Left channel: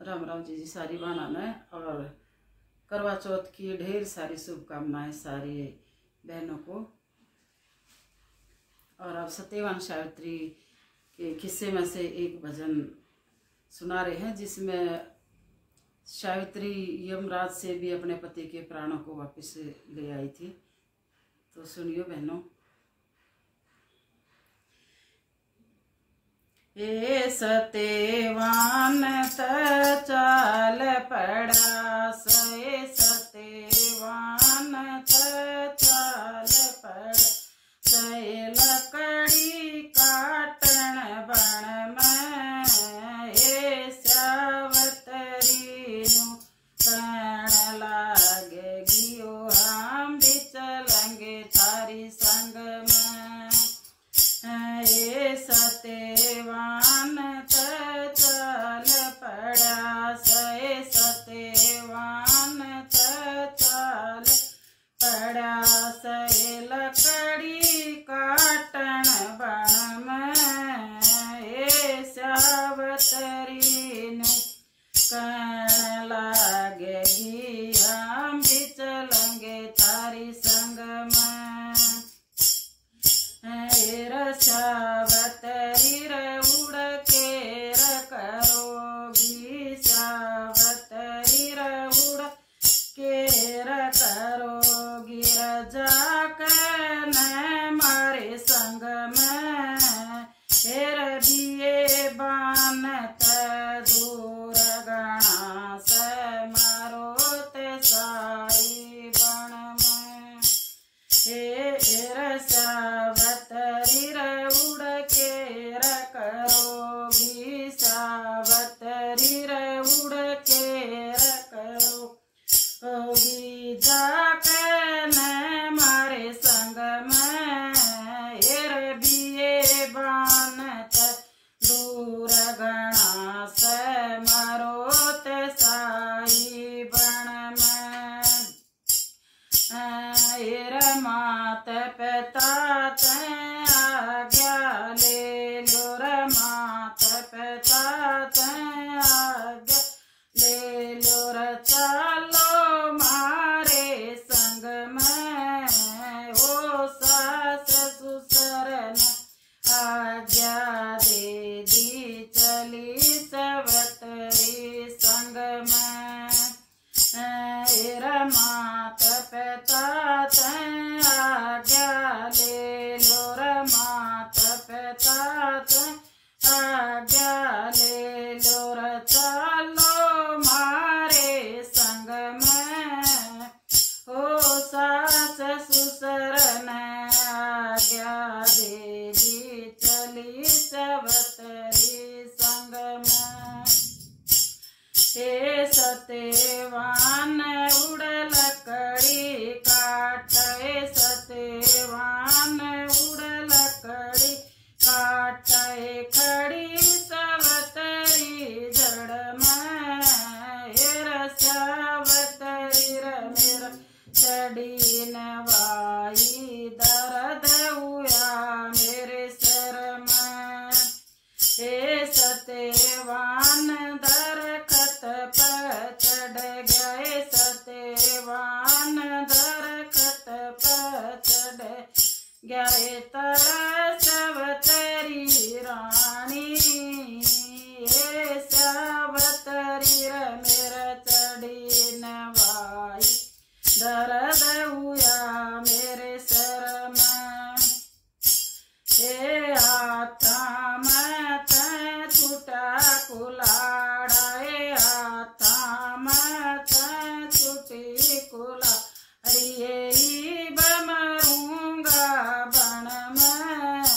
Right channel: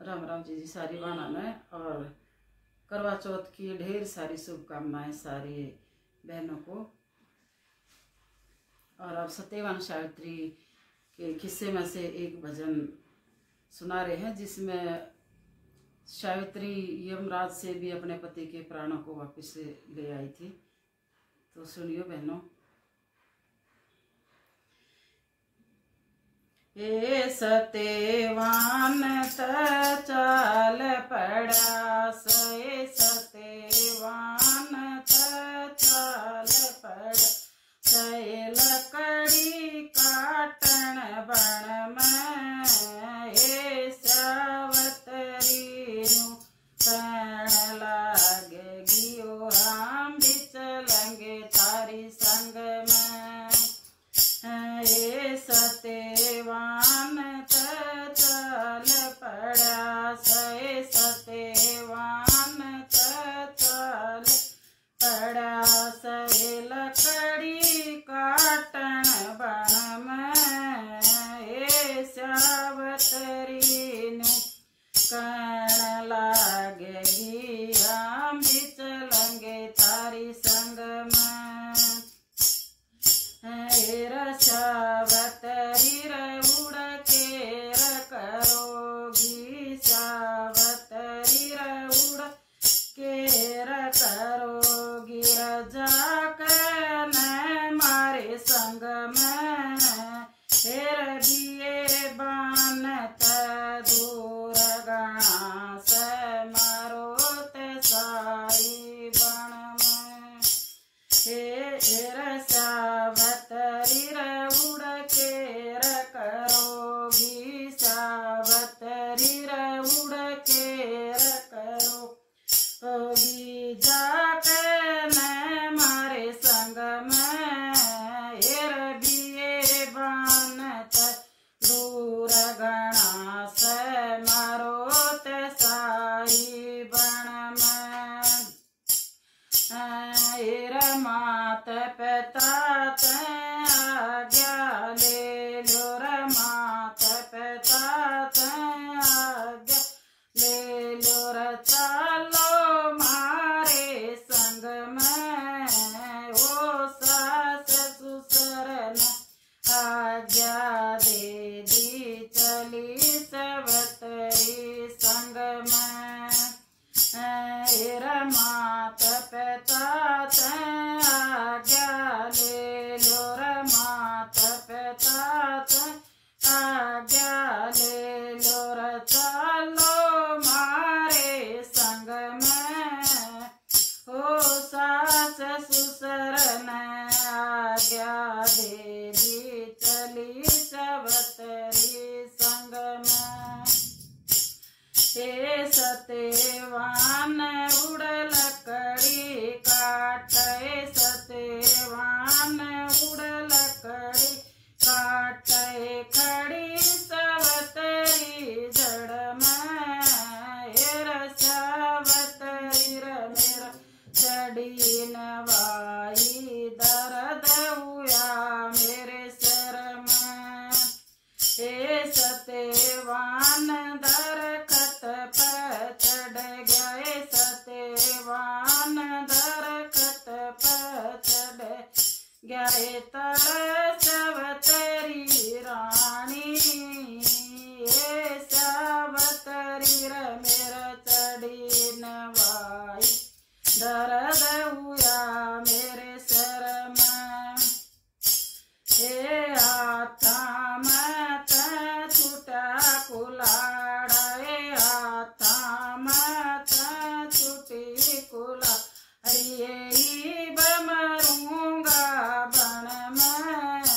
राम राम जी सारी बनाना है। और करवा चौथ की ढेर सारी शुभकामनाएं सारी बहनों को। और अब सत्यवान सावित्री के किस्से में से एक भजन सुना रहे हैं, जिसमें सावित्री यमराज से भी अपने पति के प्राणों को वापस ले आई थी। तो सुनियो बहनों। ए सत्यवान चाल पड़ा से सत्यवान चाल पड़ा से लकड़ी काटन बण में ए सावतरी नु कण लागे गियो हम भी चलेंगे थारी संग में। ए सत्यवान चाल पड़ा से सत्यवान चाल पड़ा से लकड़ी काटन बण में ए सावतरी नु कण लागेगी हम भी चलेंगे थारी संग में। सावतरी उड़ के करोगी सावतरी उड़ के करोगी जाकर मारे संग में हेर दिए बानत दूर गणा से मारो ते साई बण में। हेर सावतरी उड़ के करोगी सावतरी उड़ के करोगी जाकर मारे संग में हेर बिये बानत दूर गणा से मारो ते साई बण में। हेर मात पिता ते आज्ञा ले लो रे मात पिता ते आज्ञा ले लो रे चलो मारे संग में ओ सास ससुर आज्ञा दे दी चली सावतरी संग में। हेर मात पिता ते आज्ञा ले लो रे मात पिता ते आज्ञा ले लो रे चलो मारे संग में ओ सास ससुर आज्ञा दे दी चली सावतरी संग में। हे सत्यवान उड़ लकड़ी काट सत्यवान उड़ लकड़ी काट खड़ी सावतरी जड़ में हेर सावतरी मेरा चढ़ी नवाई दर्द हुआ मेरे सर में। हे सत्यवान दरखत पर चढ़ गए सत्यवान दरखत पर चढ़ गए तर सावतरी रानी हे सावतरी मेरा चढ़ी नवाई दर्द हुआ मेरे सर में। हे हाथा में छूटा कुलाड़ा हाथा में छूटी कुलाड़ी बमरूंगा बण में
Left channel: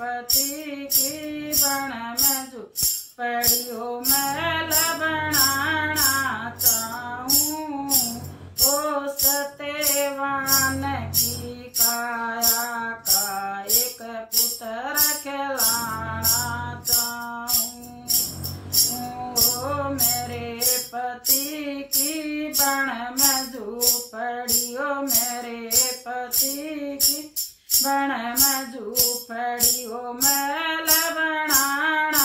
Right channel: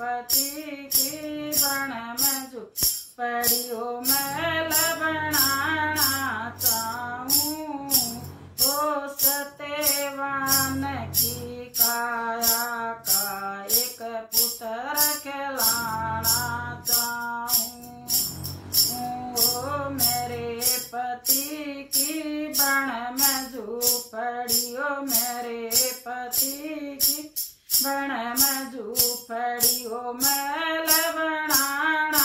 पति की बन में झोपड़ियों मैल बनाना चाहूं। ओ सत्यवान की काया का एक पुत्र खिलाना चाहूं। ओ मेरे पति की बन में झोपड़ियों, मेरे पति की बन में झोपड़ियों मैल बनाना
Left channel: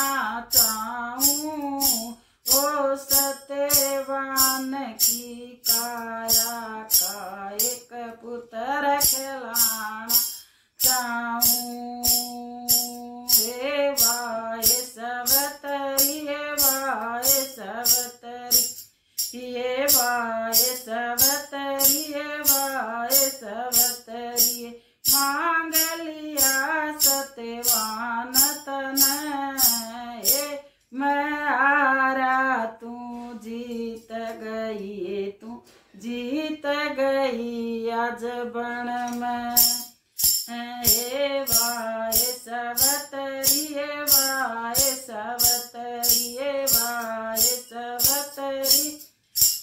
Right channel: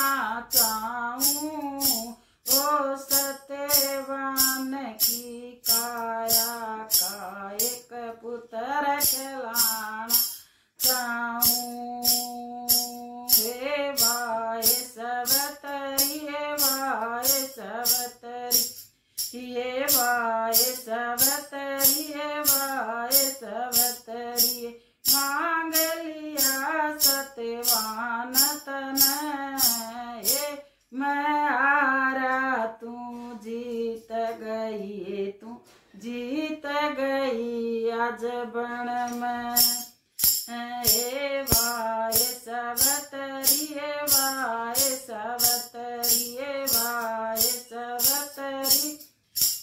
चाहूं। ओ सत्यवान की काया का एक पुत्र खिलाना चाहूं। हे वाय सवतरी, हे वाय सवतरी, ये वाय सवतरी, ये वाय सवतरी, मांग लिया सत्यवान तन। ये मैं हारा तू जीत गई, तू जीत गई आज बन में। हे वाय सवतरी, हे वाय सवतरी, हे वाय सवतरी,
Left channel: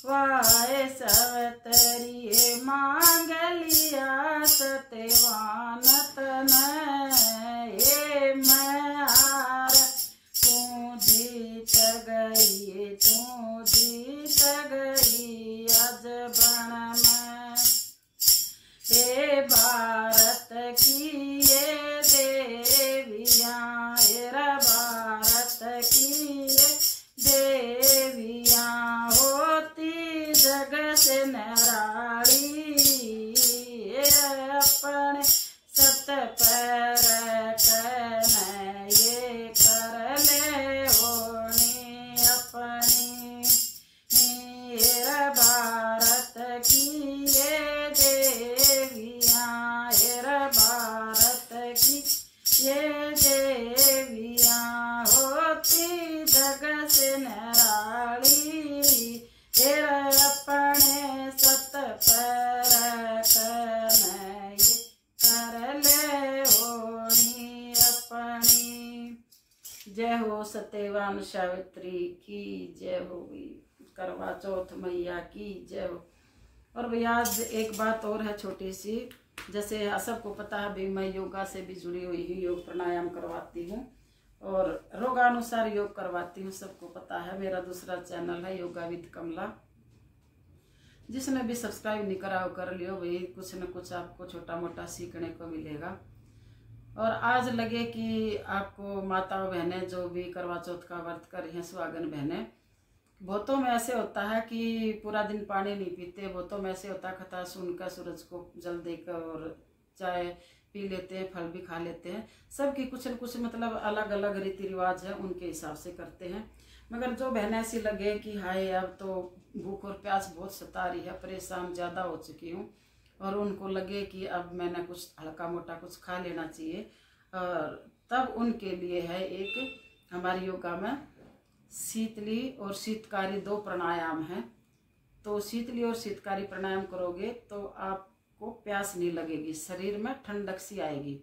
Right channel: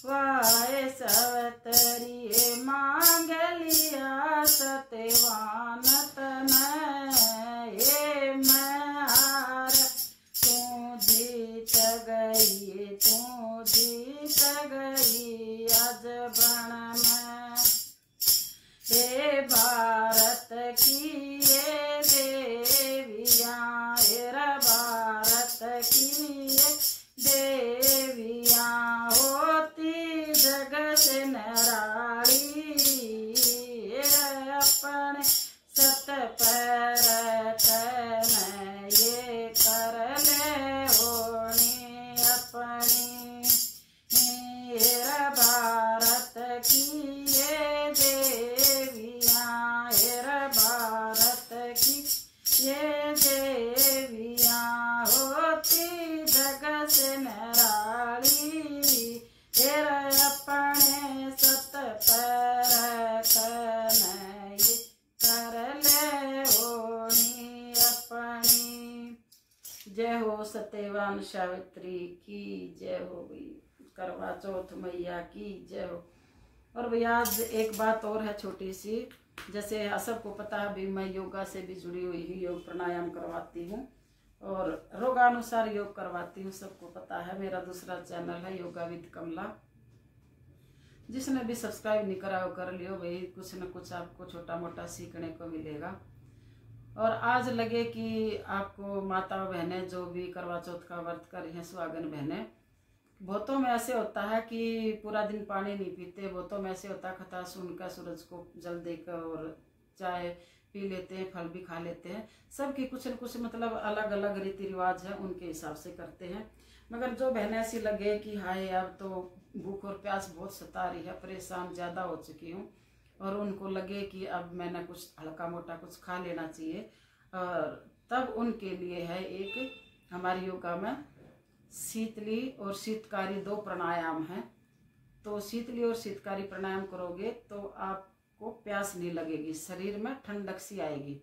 वाय सवतरी, हे मांग लिया सत्यवान तन। ये मैं हार तू जीत गई, तू जीत गई आज बन में। हे भारत की ये देवियाँ, हे भारत की ये देवियाँ, होती जग से निराली। अपने सत पैर कन ये कर ले ओणी अपनी। हेरा भारत की ये देवियाँ, हेरा भारत की ये देवियाँ, होती जग से निराली। हेरा अपने सत पैर कन ये कर ले ओणी अपनी। जय हो सत्यवान सावित्री की जय हो, करवा चौथ मैया की जय हो। और भैया आज एक बात और है छोटी सी, जैसे सबको पता है भी मैं योगा से भी जुड़ी हुई हूँ, योग प्राणायाम करवाती हूँ और रोगानुसार योग करवाती हूँ, सबको पता है। मेरा दूसरा चैनल है योगा विद कमला, जिसने भी सब्सक्राइब नहीं करा वो कर लियो भाई, कुछ न कुछ आपको छोटा मोटा सीखने को मिलेगा। और आज लगे कि आपको माता बहनें जो भी करवा चौथ का व्रत कर रही हैं, सुहागन बहनें, बहुतों में ऐसे होता है कि पूरा दिन पानी नहीं पीते, बहुतों में ऐसे होता है खता सुनकर सूरज को जल देकर और चाय पी लेते हैं, फल भी खा लेते हैं। सबकी कुछ न कुछ मतलब अलग अलग रीति रिवाज है, उनके हिसाब से करते हैं। मगर जो बहनें ऐसी लगे कि हाय अब तो भूख और प्यास बहुत सता रही है, परेशान ज़्यादा हो चुकी हूँ, और उनको लगे कि अब मैंने कुछ हल्का मोटा कुछ खा लेना चाहिए, और तब उनके लिए है एक हमारे योगा में शीतली और शीतकारी दो प्राणायाम हैं। तो शीतली और शीतकारी प्राणायाम करोगे तो आपको प्यास नहीं लगेगी, शरीर में ठंडक सी आएगी।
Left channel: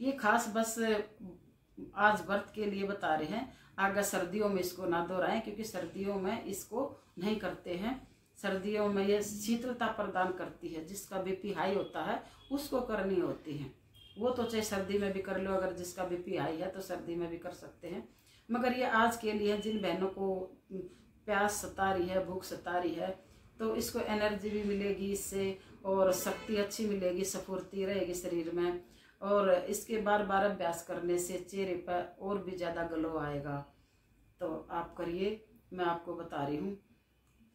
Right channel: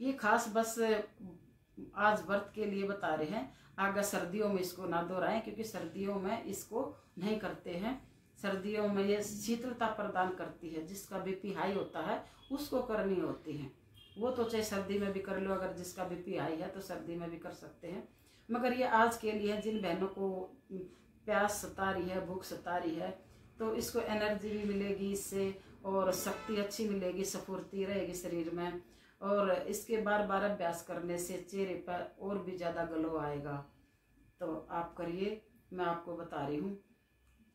ये खास बस आज व्रत के लिए बता रहे हैं, आगे सर्दियों में इसको ना दोहराएं, क्योंकि सर्दियों में इसको नहीं करते हैं। सर्दियों में ये शीतलता प्रदान करती है, जिसका बीपी हाई होता है उसको करनी होती है। वो तो चाहे सर्दी में भी कर लो, अगर जिसका बीपी हाई है तो सर्दी में भी कर सकते हैं। मगर ये आज के लिए जिन बहनों को प्यास सता रही है, भूख सता रही है, तो इसको एनर्जी भी मिलेगी इससे, और शक्ति अच्छी मिलेगी, स्फूर्ति रहेगी शरीर में। और इसके बार बार अभ्यास करने से चेहरे पर और भी ज़्यादा ग्लो आएगा। तो आप करिए, मैं आपको बता रही हूँ।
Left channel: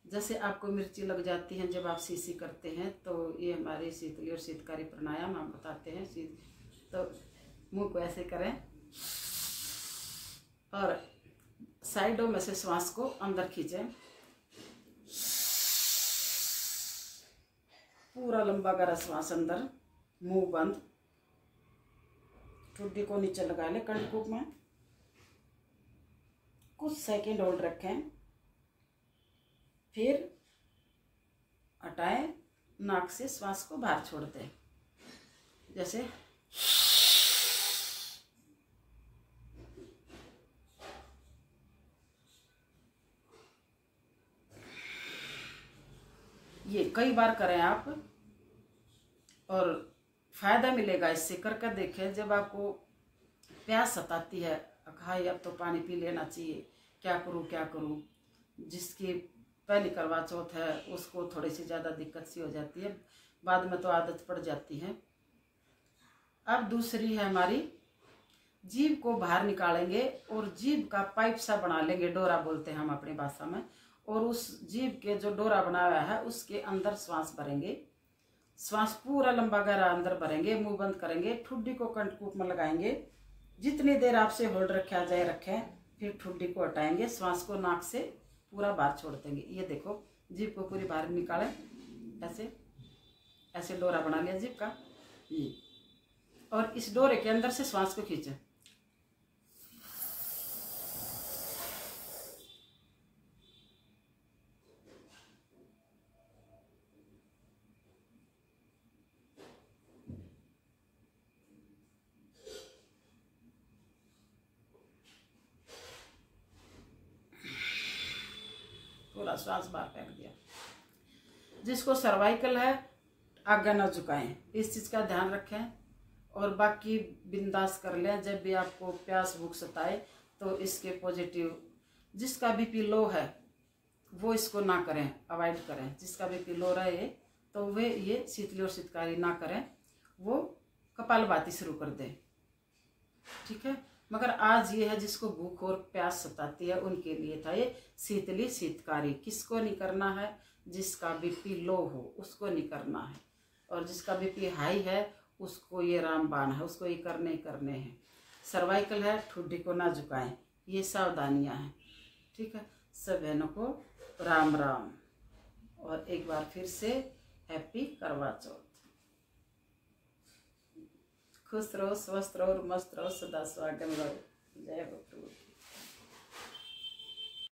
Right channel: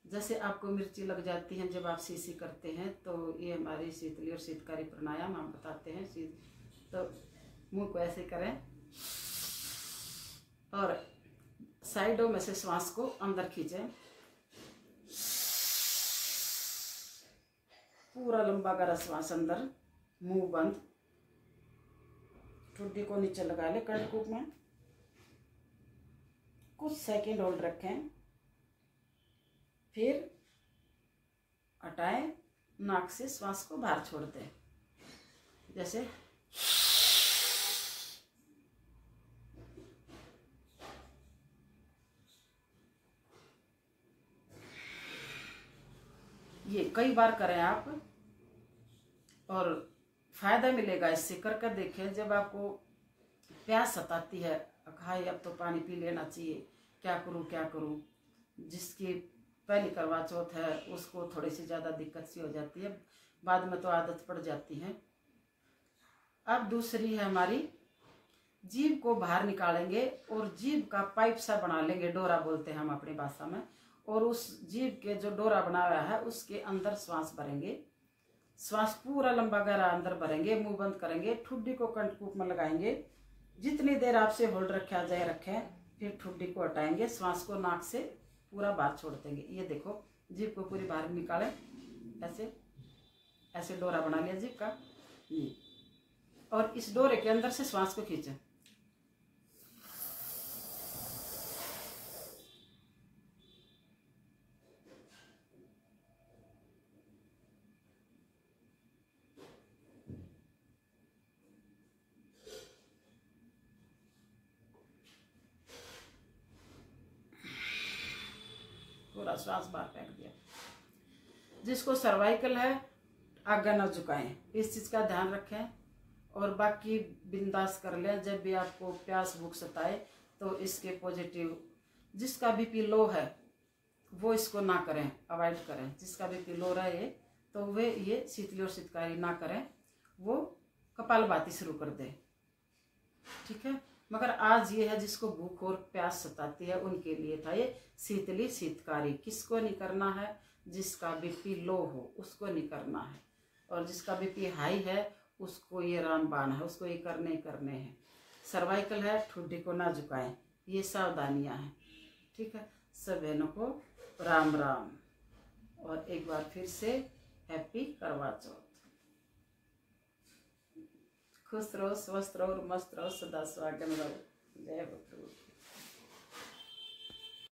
जैसे आपको मिर्ची लग जाती है जब आप सीसी करते हैं, तो ये हमारे शीतली और शीतकारी प्राणायाम हम बताते हैं। तो मुंह को ऐसे करें और साइडों में से श्वास को अंदर खींचें, पूरा लंबा गहरा श्वास अंदर, मुंह बंद, ठुड्डी को नीचे लगा ले कर्णकूप में, कुछ सेकंड होल्ड रखें, फिर हटाएं, नाक से श्वास को बाहर छोड़ दें। जैसे कई बार करें आप और फायदा मिलेगा इससे। करके देखें। जब आपको प्यास सताती है, हाय अब तो पानी पी लेना चाहिए, क्या करूं क्या करूं, जिसकी पहली करवा चौथ है उसको थोड़ी सी ज़्यादा दिक्कत सी हो जाती है, बाद में तो आदत पड़ जाती है। अब दूसरी है हमारी, जीभ को बाहर निकालेंगे और जीभ का पाइप सा बना लेंगे, डोरा बोलते हैं हम अपनी भाषा में, और उस जीभ के जो डोरा बना हुआ है उसके अंदर श्वास भरेंगे। श्वास पूरा लंबा गहरा अंदर भरेंगे, मुंह बंद करेंगे, ठुड्डी को कंठकूप में लगाएंगे। जितनी देर आपसे होल्ड रखा जाए रखें, फिर ठुड्डी को हटाएंगे, श्वास को नाक से पूरा बाहर छोड़ देंगे। ये देखो, जीभ को पूरी बाहर निकालें, ऐसे ऐसे डोरा बना लिया जीभ का ये, और इस डोरे के अंदर से श्वास को खींचें। पूरा श्वास बाहर फेंक दिया। जिसको सर्वाइकल है आगे न झुकाएं, इस चीज का ध्यान रखें। और बाकी बिंदास कर लें। जब भी आपको प्यास भूख सताए तो इसके पॉजिटिव, जिसका बीपी लो है वो इसको ना करें, अवॉइड करें। जिसका बीपी लो रहे तो वे ये शीतली और शीतकारी ना करें, वो कपालभाति शुरू कर दें, ठीक है। मगर आज ये है जिसको भूख और प्यास सताती है उनके लिए था ये शीतली शीतकारी। किसको नहीं करना है? जिसका बीपी लो हो उसको नहीं करना है, और जिसका बीपी हाई है उसको ये रामबाण है, उसको ये करने ही करने हैं। सर्वाइकल है, ठुड्डी को ना झुकाएं, ये सावधानियां हैं, ठीक है। सब बहनों को राम राम, और एक बार फिर से हैप्पी करवा चौथ। खुश रहो, स्वस्थ रहो और मस्त रहो, सदा सुहागन रहो। जय हो प्रभु।